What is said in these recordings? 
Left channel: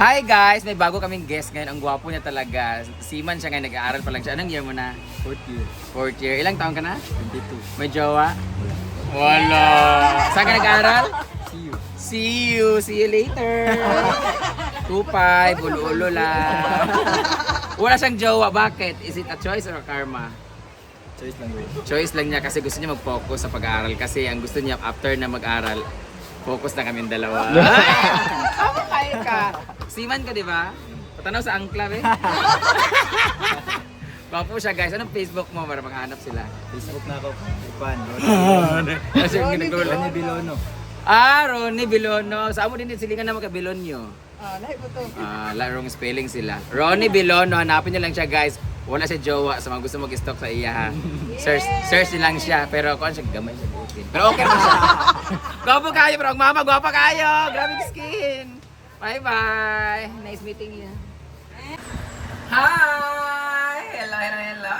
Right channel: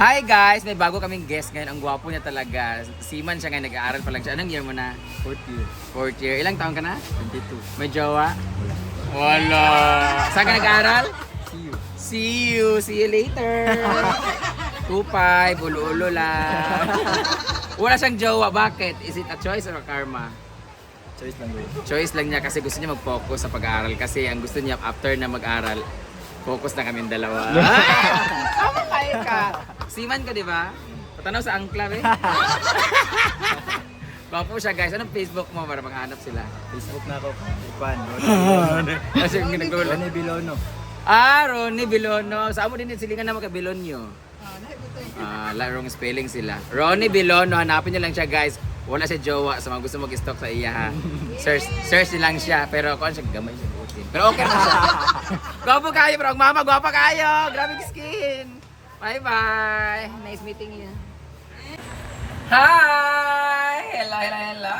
Hi guys! May bago kaming guest ngayon. Ang gwapo niya talaga. Seaman siya ngayon. Nag-aaral pa lang siya. Anong year mo na? Fourth year. Fourth year. Ilang taon ka na? 22. May jowa? Wala. Saan ka nag-aaral? See you. See you. See you later. Tupay. Bulo-ulo lang. Wala siyang jowa. Bakit? Is it a choice or a karma? Choice lang bro. Choice lang niya kasi gusto niya mag-focus sa pag-aaral. Kasi ang gusto niya after na mag-aral, focus na kaming dalawa. Tama kayo ka. Seaman ka, di ba? Patanaw sa angkla, eh. Gwapo siya, guys. Anong Facebook mo para maghanap sila? Facebook na ako. Ipan. Kasi yung ginagawa. Ronnie Bilono. Ronnie Bilono. Saan mo din silingan na magka-Bilonyo? Larong spelling sila. Ronnie Bilono. Hanapin niyo lang siya, guys. Wala siya jowa sa mga gusto mag-stalk sa iya, ha. Search niyo lang siya. Pero kung siya, gamay siya butin. Pero okay mo siya. Gwapo kayo, bro. Mama, gwapa kayo. Grabe yung skin. Bye-bye. Nice meeting you. Hi! Hello!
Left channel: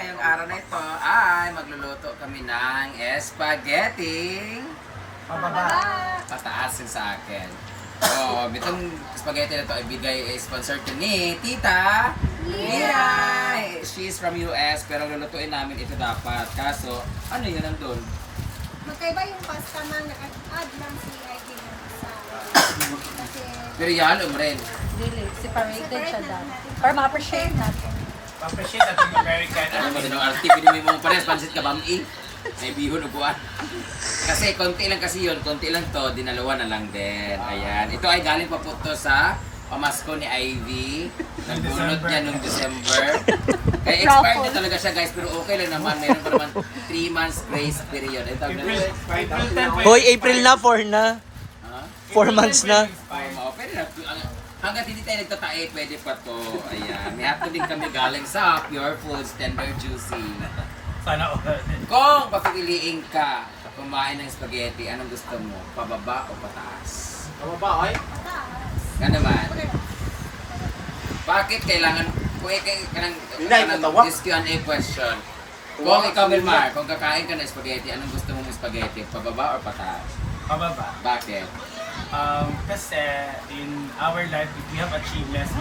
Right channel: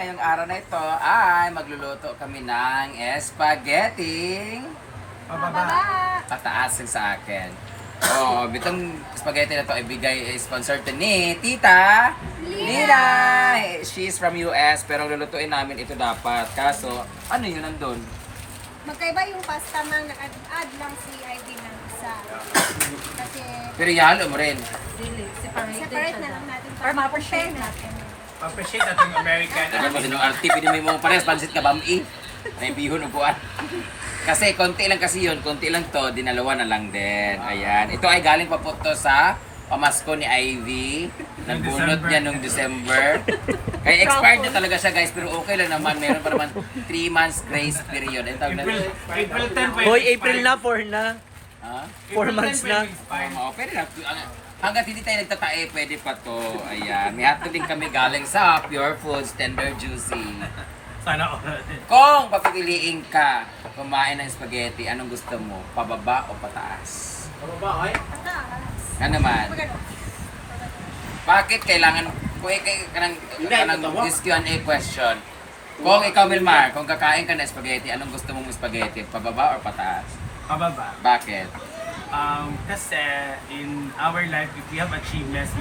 Ngayong araw na ito ay magluluto kami ng spaghetti. Pataasin sa akin. Oh, bitong spaghetti na to ibigay sponsor to ni Tita Lina. She's from US pero lulutuin namin ito dapat. Kaso, ano yun nandun? Magkaiba yung pasta man, nag-add lang si ID ng isa. Kasi Pero yalo mo rin. separate na lang natin. Para ma-appreciate natin. Pa-appreciate natin yung American. Ano mo din ang arti, pwede mo pares, pansit ka bami. May bihon upuan. Kasi konti lang kasi yun, konti lang to, dinalawa na lang din. Ayan. Ito ay galing pa po to sa pamasko ni Ivy. Nagbunot niya nung December. Kaya expired na talaga siya, guys, pero okay lang naman. Meron pa naman 3 months grace period. Ang tawag na April 10. Hoy, April na, 4 na. Ha? 4 months na. Oo, pwede na. Hanggat hindi tayo nagtatae, pwede pa to. Ayan. May hotdog din kami galing sa Pure Foods, Tender Juicy. Sana all. Kung papipiliin ka kumain ng spaghetti, anong gusto mo? Pababa o pataas? Pababa, ay? Ano naman? Bakit kailangan, kung kanang this Q&A question, kung ikaw Milmar, kung kakain ka ng spaghetti, anong gusto mong spaghetti? Pababa or pataas? Pababa. Bakit? Kasi in our life, if we have achievements,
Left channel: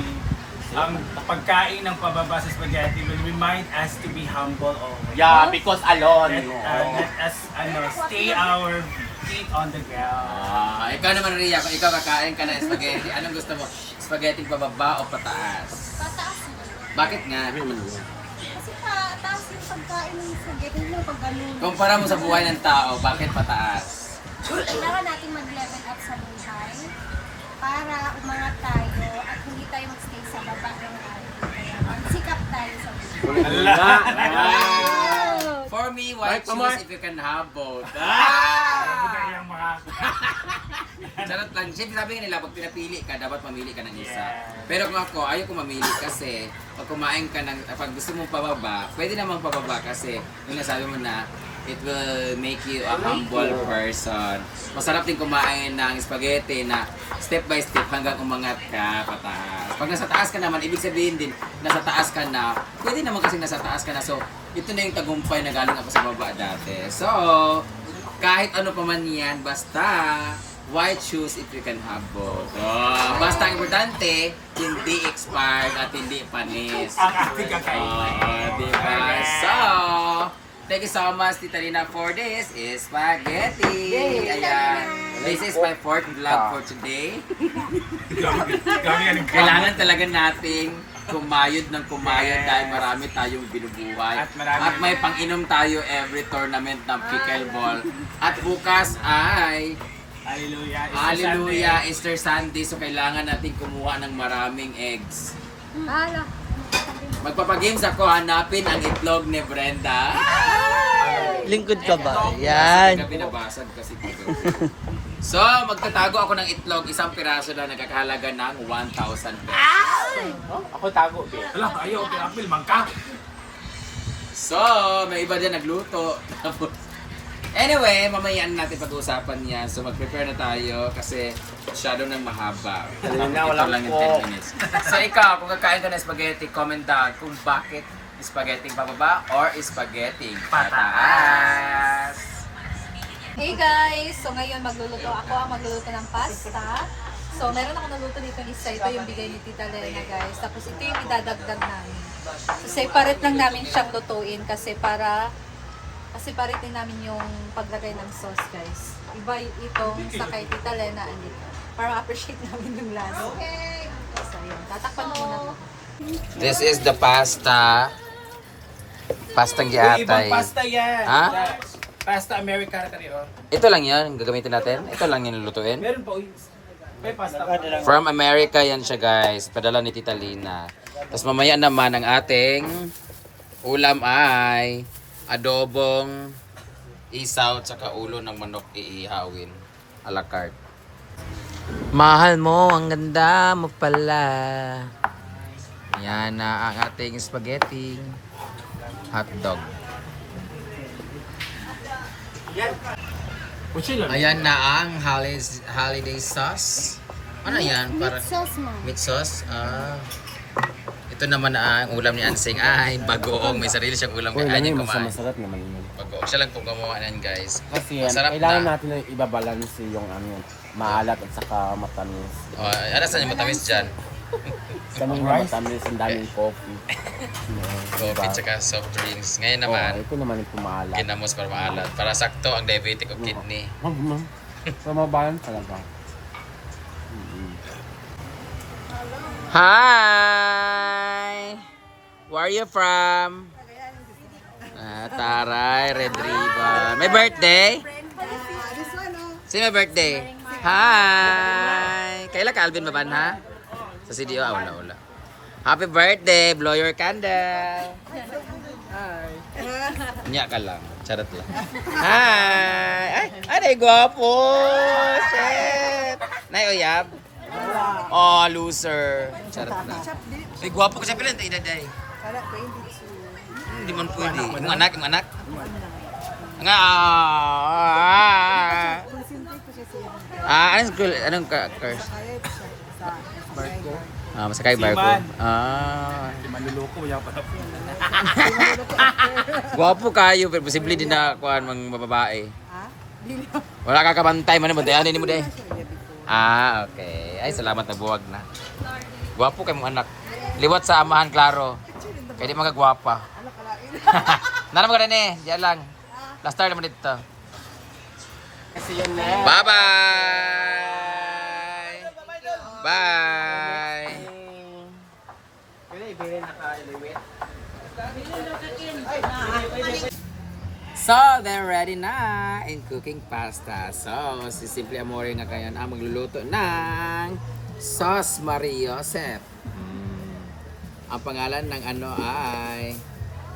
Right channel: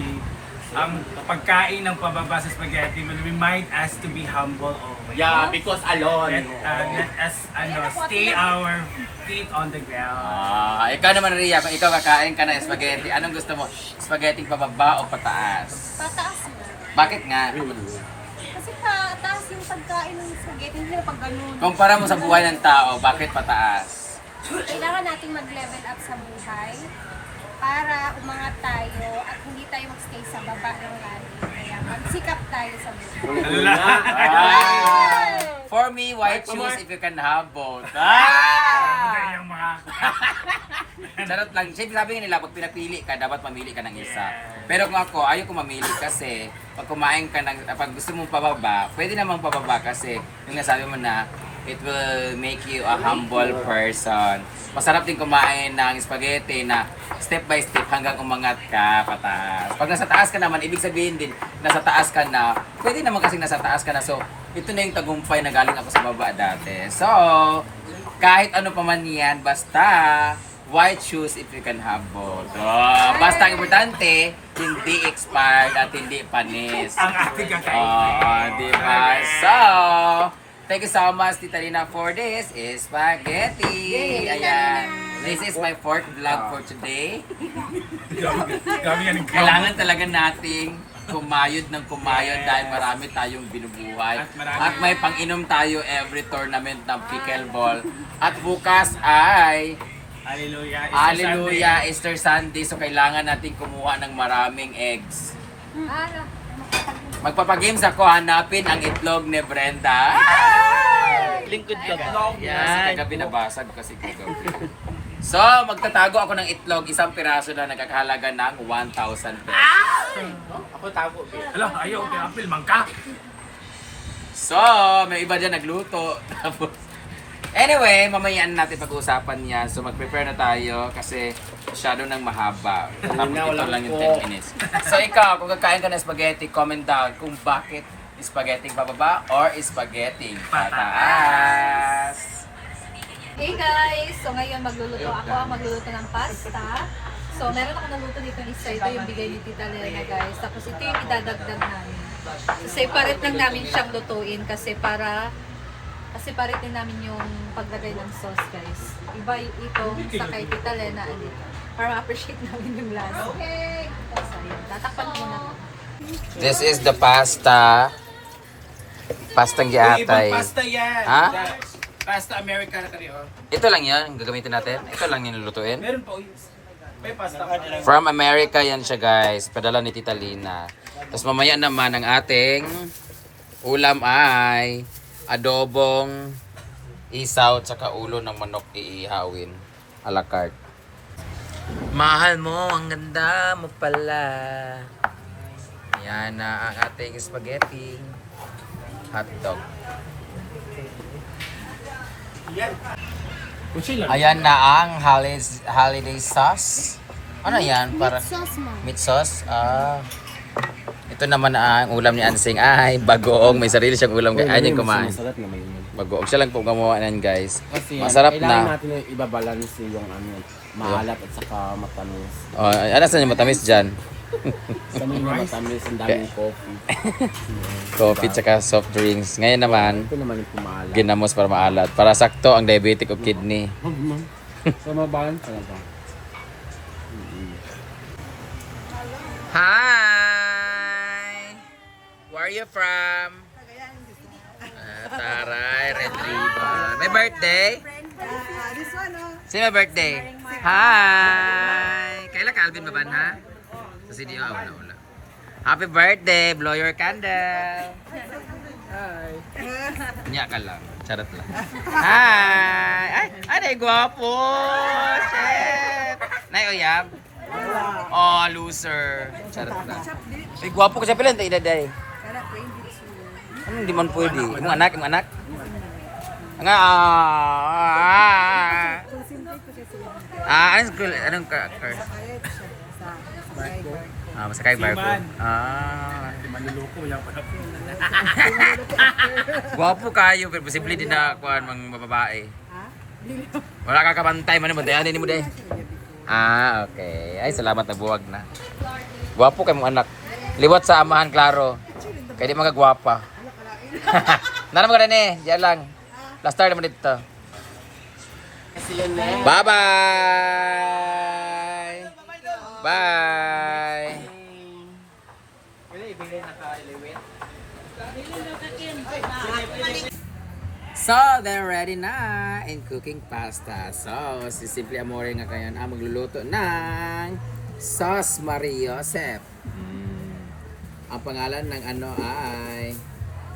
ang pagkain ng pababa sa spaghetti will remind us to be humble always. Yeah, because alone. Let us stay our feet on the ground. Ikaw naman Ria, kung ikaw kakain ka ng spaghetti, anong gusto mo? Spaghetti pababa o pataas? Pataas na. Bakit nga? Kasi pataas yung pagkain ng spaghetti, hindi na pag ganun. Kumpara mo sa buhay ng tao, bakit pataas? Kailangan nating mag-level up sa buhay para umangat tayo at hindi tayo magstay sa baba ng lagi. Kaya magsikap tayo sa buhay. For me, why choose if you can have both? Yung mga Charot lang. Siyempre sabi nga nila, pag pinapili ka, dapat mamili ka ng isa. Pero kung ako, ayaw ko mamili kasi pag kumain ka ng, pag gusto mong pababa, pwede namang pababa kasi yung nasabi mo na, it will make you a humble person. Masarap din kumain ng spaghetti na step by step hanggang umangat ka pataas. Pag nasa taas ka naman, ibig sabihin din, nasa taas ka na, pwede naman kasi nasa taas ka na. So, ito na yung tagumpay na galing ako sa baba dati. So, kahit ano pa man yan, basta, why choose if you can have both? Oh, basta ang importante, hindi expired at hindi panis. ang ating kakain. Diba? So, thank you so much, Tita Lina, for this spaghetti. Ayan. This is my 4th vlog for today. Gabi yan yung Kailangan talaga nating kumayod ng kumayod dahil marami tayong binubuhay. At marami- At may pang-inom tayo every tournament ng pickleball. At bukas ay Hallelujah. Hallelujah, Easter Sunday. So kailangan natin kumuha ng maraming eggs. Alam, Magpapagames ako, hanapin ang itlog ni Brenda. Lingkod ka ba? Kasi Yan. kagabi nabasag kasi kagabi. So, magtatago ako ng itlog, isang piraso na nagkakahalaga ng 1,000 pesos. Ako tago, babe. Hala, ayaw. Apil, mangka. So, may iba dyan nagluto. Tapos, anyway, mamaya natin pag-uusapan yan. So, mag-prepare na tayo kasi masyado nang mahaba. Tapos ito lang yung 10 minutes. So, ikaw, kung kakain ka ng spaghetti, comment down kung bakit spaghetti pababa or spaghetti pataas. Hey guys! So ngayon magluluto ako. Magluluto ng pasta. So, meron ako naluto dito isa. Ito yung bigay ni Tita Lena, guys. Tapos ito yung idadagdag namin. So, separate lang namin siyang lutuin kasi separate din namin yung paglagay ng sauce, guys. Iba itong sa kay Tita Lena and ito. Para ma-appreciate namin yung lasa. Okay. So, yun. Tatakpan muna ko. This is the pasta. Pastang Ibang giatay. pasta yan. Ha? Pasta Americana ka rin, oh. Ito lang yan, ang gagamitin natin. Ito lang yung lulutuin. Meron po. May pasta pa. From America yan siya, guys. Padala ni Tita Lina. Tapos mamaya naman ang ating ulam ay adobong isaw tsaka ulo ng manok iihawin. A la carte. Mahal mo, ang ganda mo pala. Yan na ang ating spaghetti. Hotdog. Ayan na ang holiday sauce. Ano yan? Para Sauce mo. meat sauce. Ito naman ang ulam ni Ansing. Ay, bagoong. May sarili siyang ulam. Ay, hindi kumain. Masarap naman yun. Bagoong. Siya lang po gumawa nan, guys. Kasi Masarap kailangan na. natin na ibabalance yung ano, maalat at saka matamis. Oh, ano saan yung matamis dyan? Sa mga matamis, ang daming coffee. Coffee tsaka soft drinks. Ngayon naman, Ito naman yung pumaalat. ginamos para maalat. Para sakto ang diabetic o kidney. So, mabalance talaga. Hi! Where are you from? Taray, Red Ribbon. May birthday? Sino may birthday? Hi! Kailan ka, Alvin Maban, ha? Sa CDO? Wala. Happy birthday! Blow your candle! Hi! Nya ka lang. Charot lang. Hi! Ay, gwapo! Shit! Nay, uyab? Oh, loser. Charot lang. Ay, gwapo ka siya pala. Tayo daday. Hindi man pwede. Imong anak? Nga, anong school? Anong course? Masakay barko. Seaman. Manluloko yan pa. Gwapo kayo, pero posible din na kuhan mga babae. Wala ka kabantay, man mo dayan mo day. Okay. Ay, salamat na buwag na. Gwapo kay mong anak. Liwat sa amahan, klaro. Kaya di mga gwapa. Nana mo ka rin eh. Diyan lang. Last star naman dito. Bye-bye! Bye! So, they're ready na in cooking pasta. So, si Simple Amore nga kayan ang magluluto ng Sauce Marie Joseph. Ang pangalan ng ano ay,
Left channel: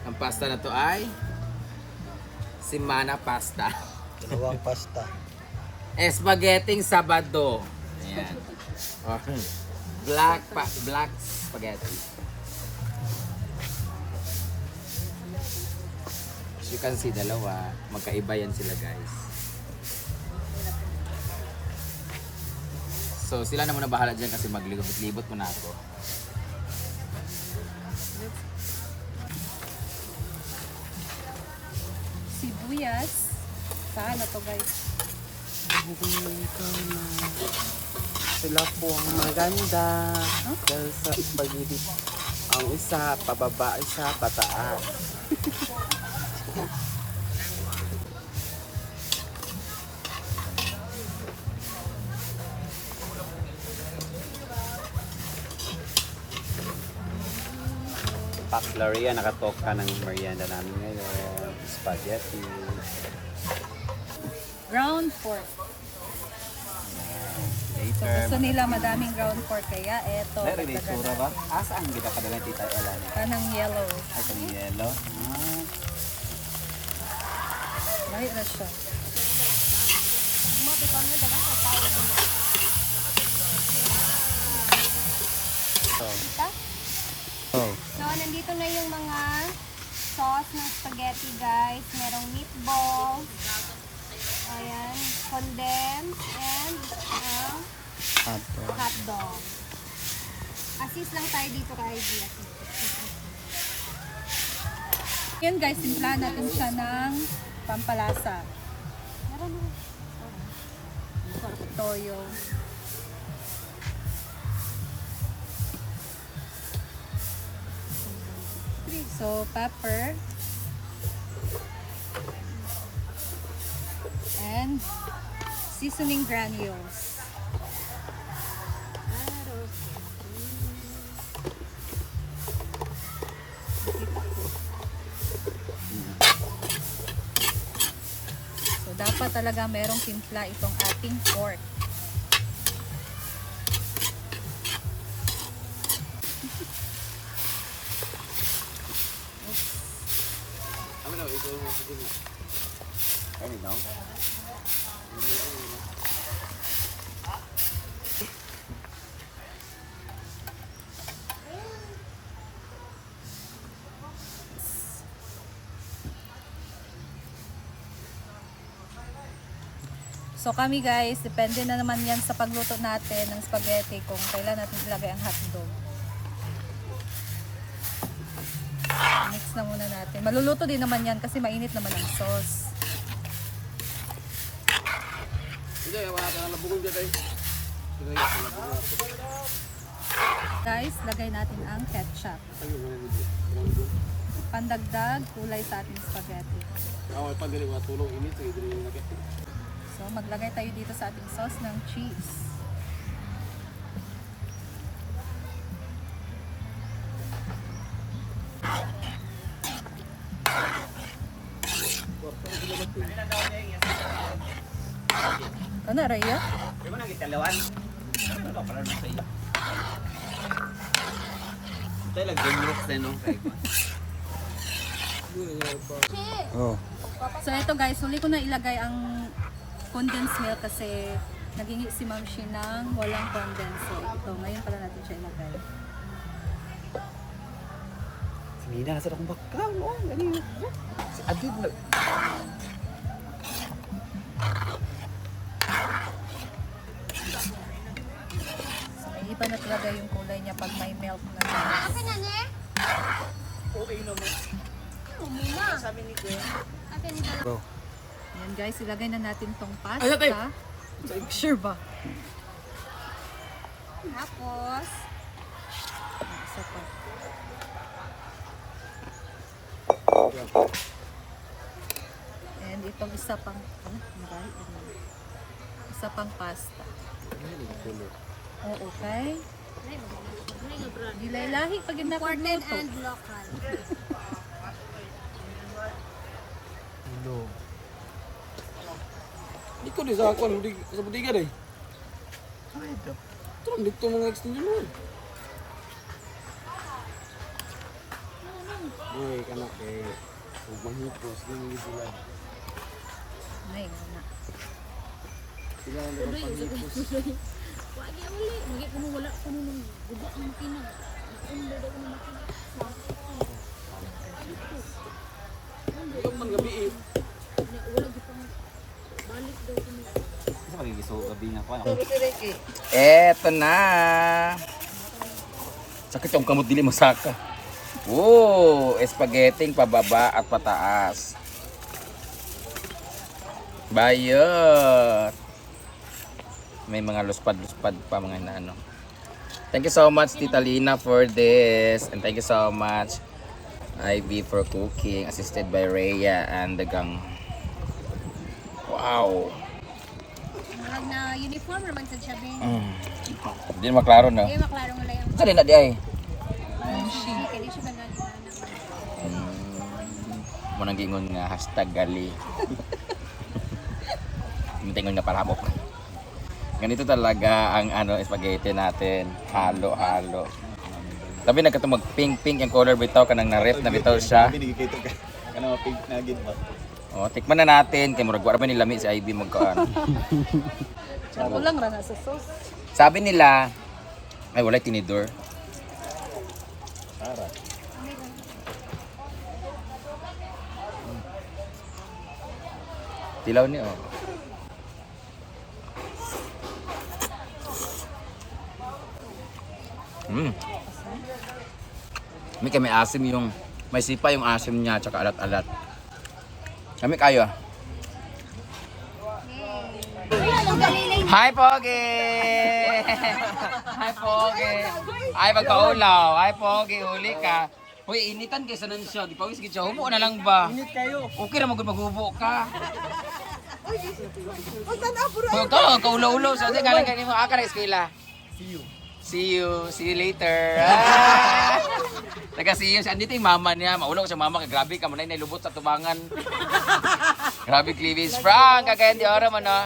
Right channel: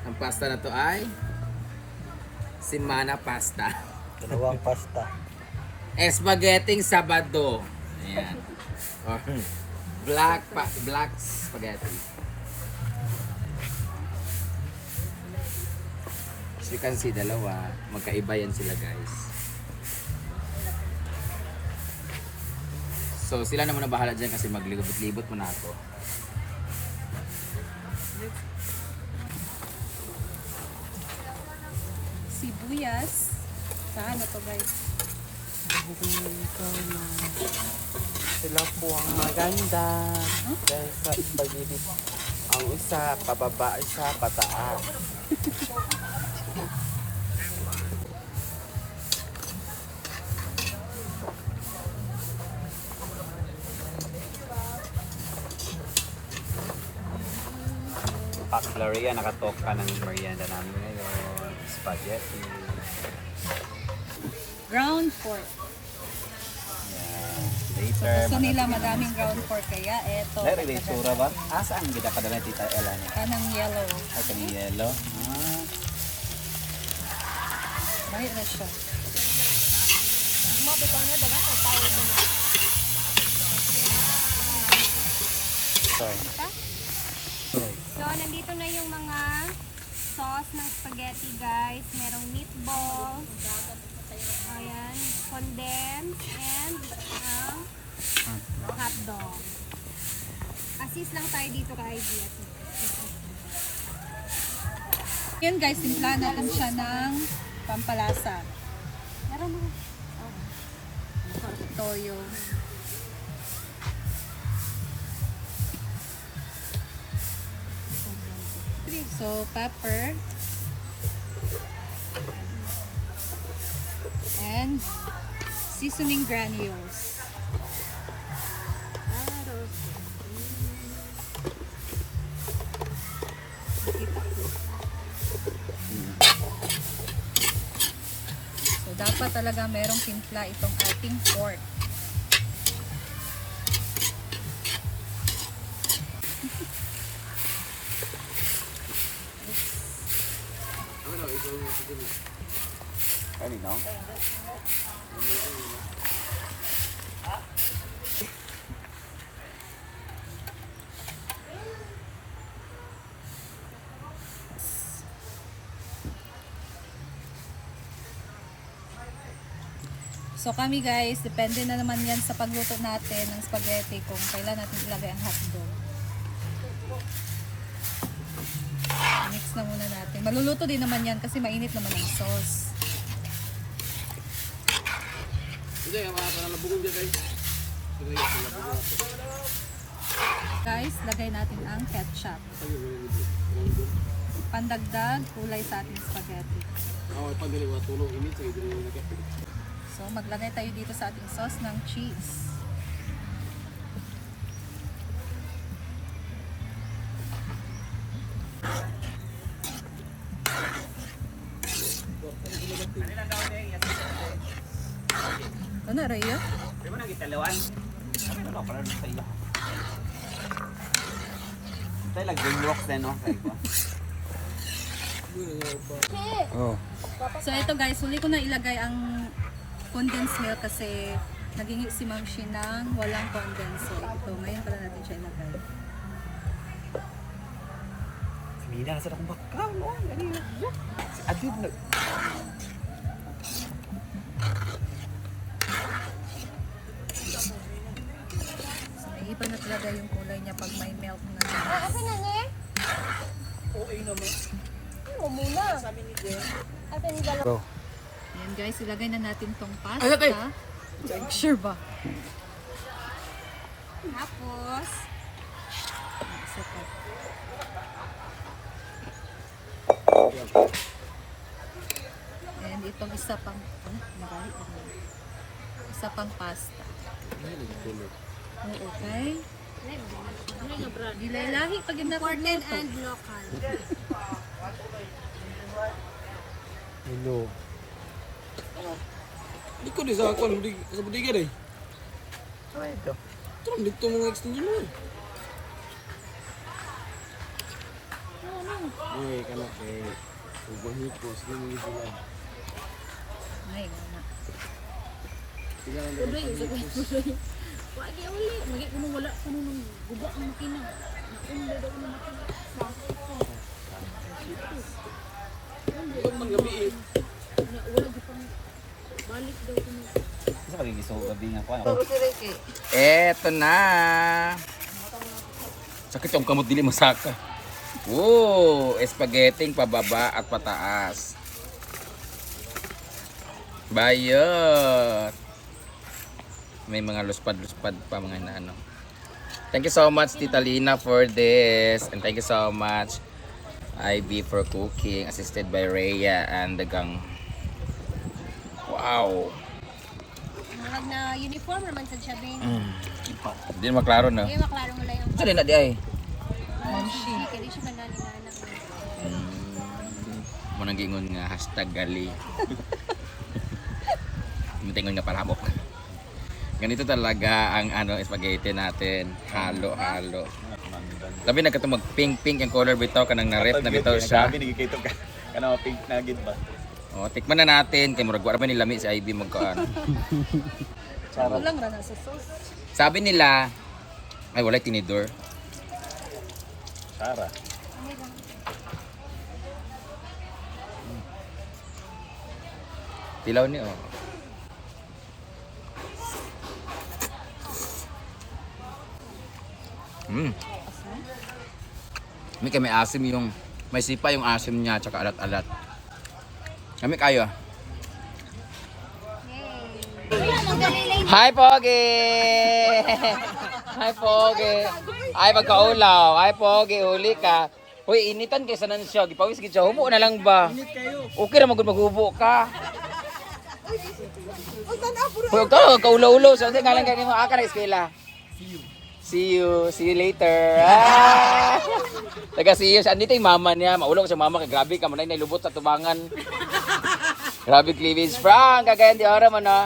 ang pasta na to ay Simana Pasta. Dalawang pasta. Spaghetti Sabado. Ayan. Or black spaghetti. As you can see, dalawa. Magkaiba yan sila, guys. So, sila na muna bahala dyan kasi maglibot-libot muna ako. Sibuyas. Saan na to, guys? Sila po ang maganda. Dahil sa spaghetti. Ang isa, pababa, isa, pataas. Pak Gloria, nakatok ka ng merienda namin ngayon. Spaghetti. Ground pork. So, gusto nila madaming ground pork kaya eto. Ay, may sura ba? Saan kita padala tita Ella? Kanang yellow. Ay, kani yellow. Bahit na siya. So, nandito na yung mga sauce ng spaghetti, guys. Merong meatballs. Ayan, condensed and hotdog. Assist lang tayo dito kay Idea. Yan guys, simpla natin siya ng pampalasa. Meron mo. Toyo. So, pepper. And seasoning granules. Nakita ko. So, dapat talaga merong timpla itong ating pork. Ano no? So kami guys, depende na naman yan sa pagluto natin ng spaghetti kung kailan natin ilagay ang hotdog. Mix na muna natin. Maluluto din naman yan kasi mainit naman ang sauce. Guys, lagay natin ang ketchup. Pandagdag kulay sa ating spaghetti. So, maglagay tayo dito sa ating sauce ng cheese. Ano, Raya? Di ba nagitalawan? Ano pala na sa iyo? Tayo nag-dreamwork din, no? Oh. So, ito guys, huli ko na ilagay ang condensed milk kasi nagingi si Ma'am Shi ng walang condensed. So, ito, ngayon pala natin siya ilagay. Sinina, sa akong bakaw, no? Ganyan. Adid na. So, may iba na talaga yung kulay niya pag may milk na siya. Bro. Yan guys, ilagay na natin tong pasta. Sure ba? Tapos, Isa pa. And itong isa pang, isa pang pasta. Oo, okay. Dilay-lahi pag hindi quartet nakagluto. and local. Hello. Di ko di sa ako, sa budiga day. Ito lang dito mga extension mo. Uy, kanak kay ug manghipos din sila. Ay, na. Sila lang dapat panghipos. Di ko man gabi eh. Isa magigiso gabi nga ko. Eto na. Sakit yung kamot dili masaka. Oh, spaghetti pababa at pataas. Bayot. May mga luspad-luspad pa mga ano. Thank you so much Tita Lina for this, and thank you so much Ivy for cooking, assisted by Rhea and the gang. Wow. Mahag na uniform naman sa Chabin. Hindi maklaro na. Hindi maklaro mo lang yung Saan na di ay? hindi siya nagalinganan. Munang gingon nga hashtag gali. Tingon nga palabok. Ganito talaga ang ano spaghetti natin, halo-halo. Labi nagkatong mag-pink-pink yung color bitaw kanang na-ref na bitaw siya. Binigikito ka. Kana pink na gid ba? Oh, tikman na natin kay murag wala pa ni lami si Ivy magkaan. Walang rana sa sauce. Sabi nila ay wala tinidor. Tara. Tilaw ni oh. May kami asim yung may sipa yung asim niya tsaka alat-alat. Kami kayo. Hi Pogi! Hi Pogi! Ay magkaulaw. Hi Pogi, huli ka. Uy, initan kaysa nan siya. Gipawis gid siya. Hubo na lang ba? Init kayo. Okay ra magud maghubo ka. Huwag ka, kaulo-ulo. So, nga lang kayo makaka na eskwela. See you later. Taga see you. Andito yung mama niya. Maulong ko sa mama. Grabe ka. Manay nailubot sa tubangan. Grabe cleavage. Frank, kagayan di ora man no?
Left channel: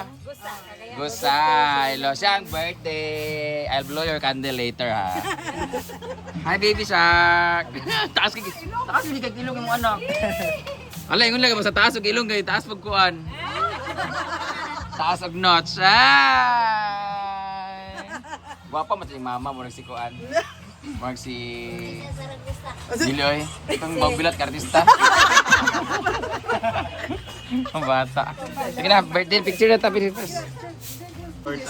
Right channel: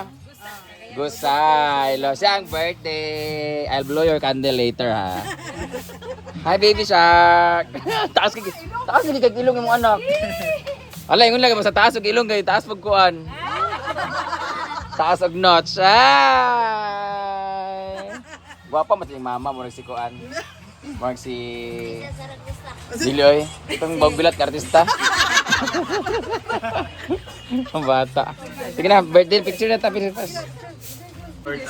Gusay. Lo siya ang birthday. I'll blow your candle later ha. Hi baby shark. taas kay ilong yung anak. Ala, ingon lang sa taas og ilong kay taas pagkuan. Taas og notch. Ay. Guwapa mas yung mama mo si kuan. Mark si Bilioy. Itong bagbilat ka artista. Ang bata. Sige na, birthday picture na tapi dito.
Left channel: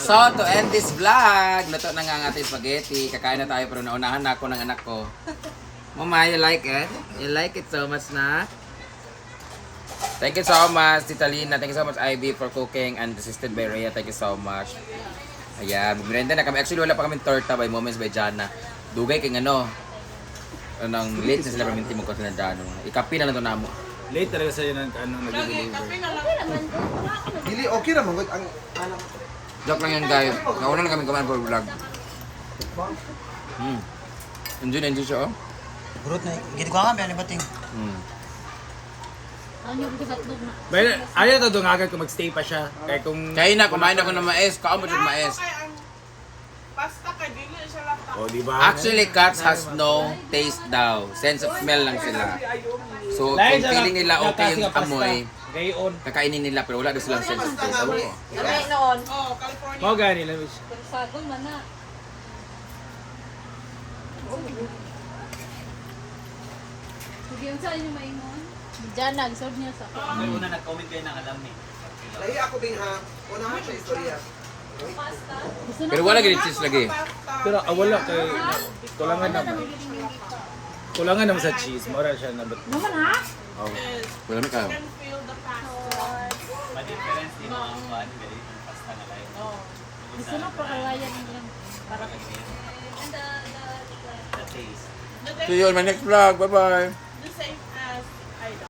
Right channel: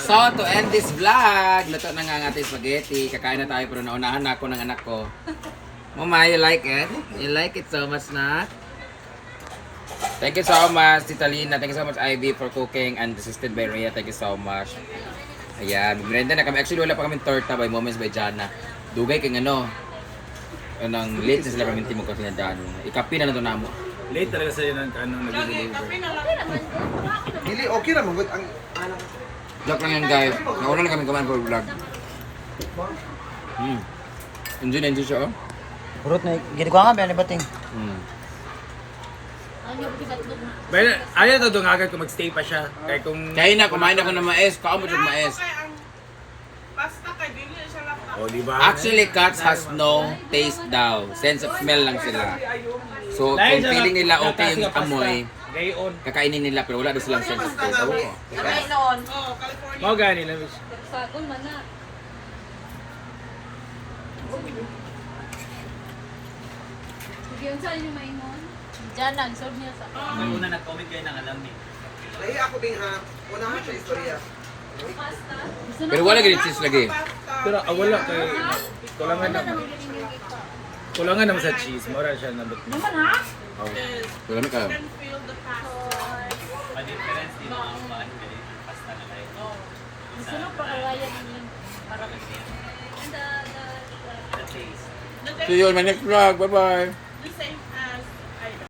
So, to end this vlog, luto na nga ang ating spaghetti. Kakain na tayo pero naunahan na ako ng anak ko. Mama, you like it? You like it so much na? Thank you so much, Tita Lina. Thank you so much, Ivy, for cooking and assisted by Rhea. Thank you so much. Ayan, magmerenda na kami. Actually, wala pa kami torta by Moments by Jana. Dugay kay ano, anong late na sila paminti mo kasi na Jano. Ikapi na lang ito na mo. Late talaga sa'yo ng nag-deliver. Dili, okay ra magod ang Joke lang yan guys. Nauna na kami kumain for vlog. Enjoy siya oh. Burot na, gini ko nga, may alibating. Pero ayaw to doon agad kung magstay pa siya. Kaya kung... Kaya na, kumain ako ng mais. Kaon mo yung mais. Oh, di ba? Actually, cats has no taste daw. Sense of smell lang sila. So, kung feeling nila okay yung amoy, Gayon. kakainin nila pero wala daw silang sense of taste. Ewan ko. Mau gani lang. Sagol man na. Sige, unsa inyo maingon? Diyan lang, serve niyo sa. lahi ako din ha. Unahan siya istorya. Pero wala ganit cheese lagi. Pero wala kay... Kulangan naman. Kulangan naman sa cheese. Mura siya na ba't. Oh. Wala na kayo. Gusto mo pa kawayan lang. See you on my next vlog. Bye-bye.